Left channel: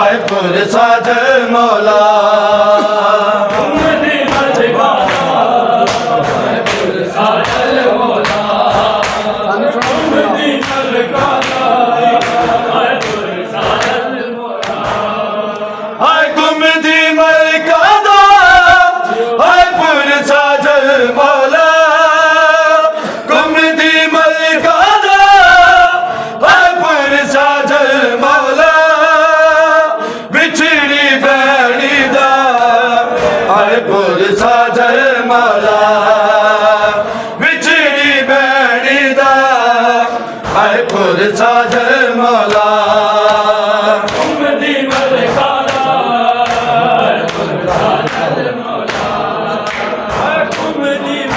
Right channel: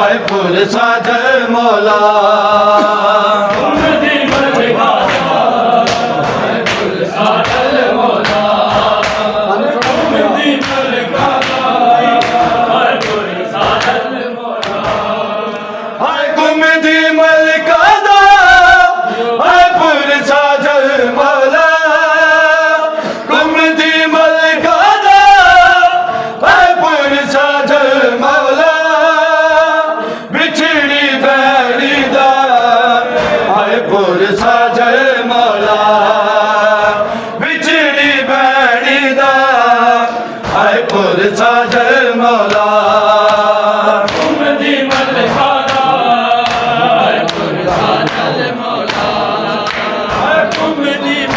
آئے پرسا جل مولا ساجر مولا دی ملکانا ساجر مولا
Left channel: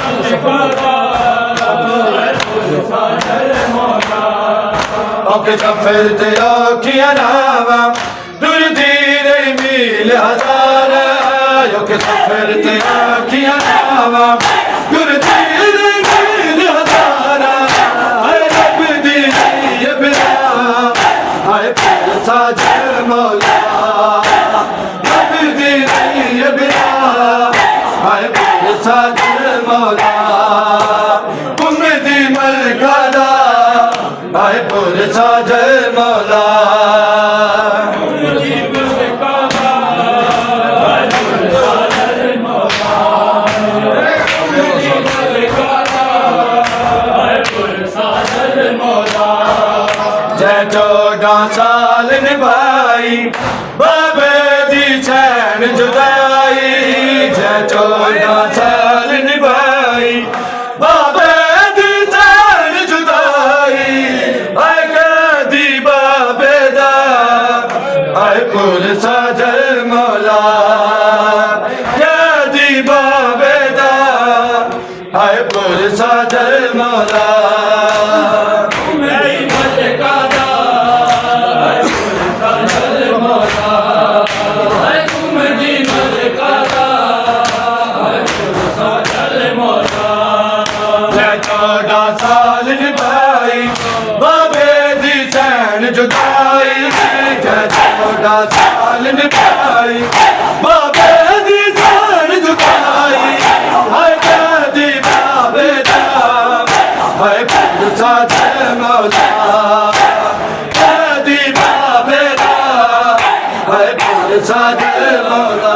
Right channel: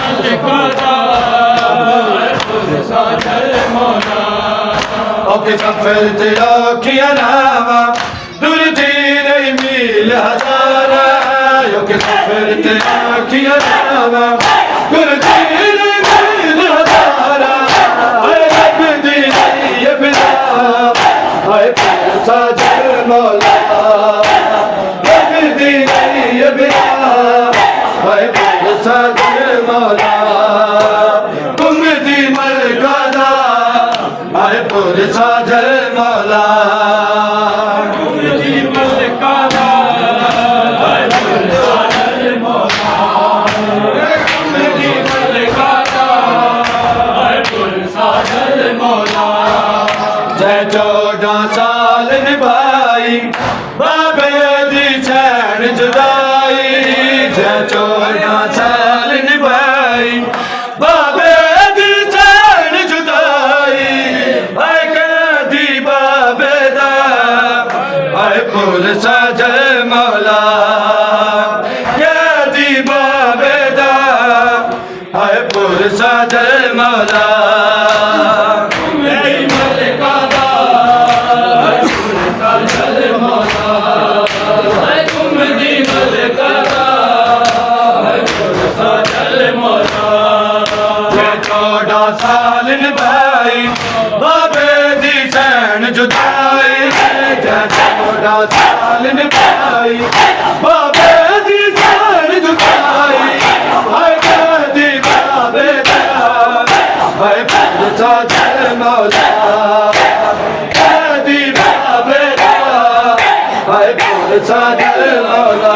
دی ملکانا ساجر مولا اوکے سفر تیرا کیا نام دور تیرے میل ہزار اوکے سفر تیرا کیا نام دور تیرے میل ہزار آئے پرسا جل مولا رب دی نہیں ابلا آئے پرسا جل مولا کم دی ملکانا آئے پرسا جل مولا کم دی ملکانا آئے پرسا جل مولا کم دی ملکانا آئے پرسا جل مولا جے 14 سال نبھائی بابے دی چین جدائی جے 14 سال نبھائی بابے دی چین جدائی آئے قیدی بابے دا آئے پرسا جل مولا قیدی بابے دا آئے پرسا جل مولا سال نبھائی بابے دی چین جدائی جے 14 سال نبھائی بابے دی چین جدائی آئے قیدی بابے دا آئے پرسا جل مولا قیدی بابے دا آئے پرسا جل مولا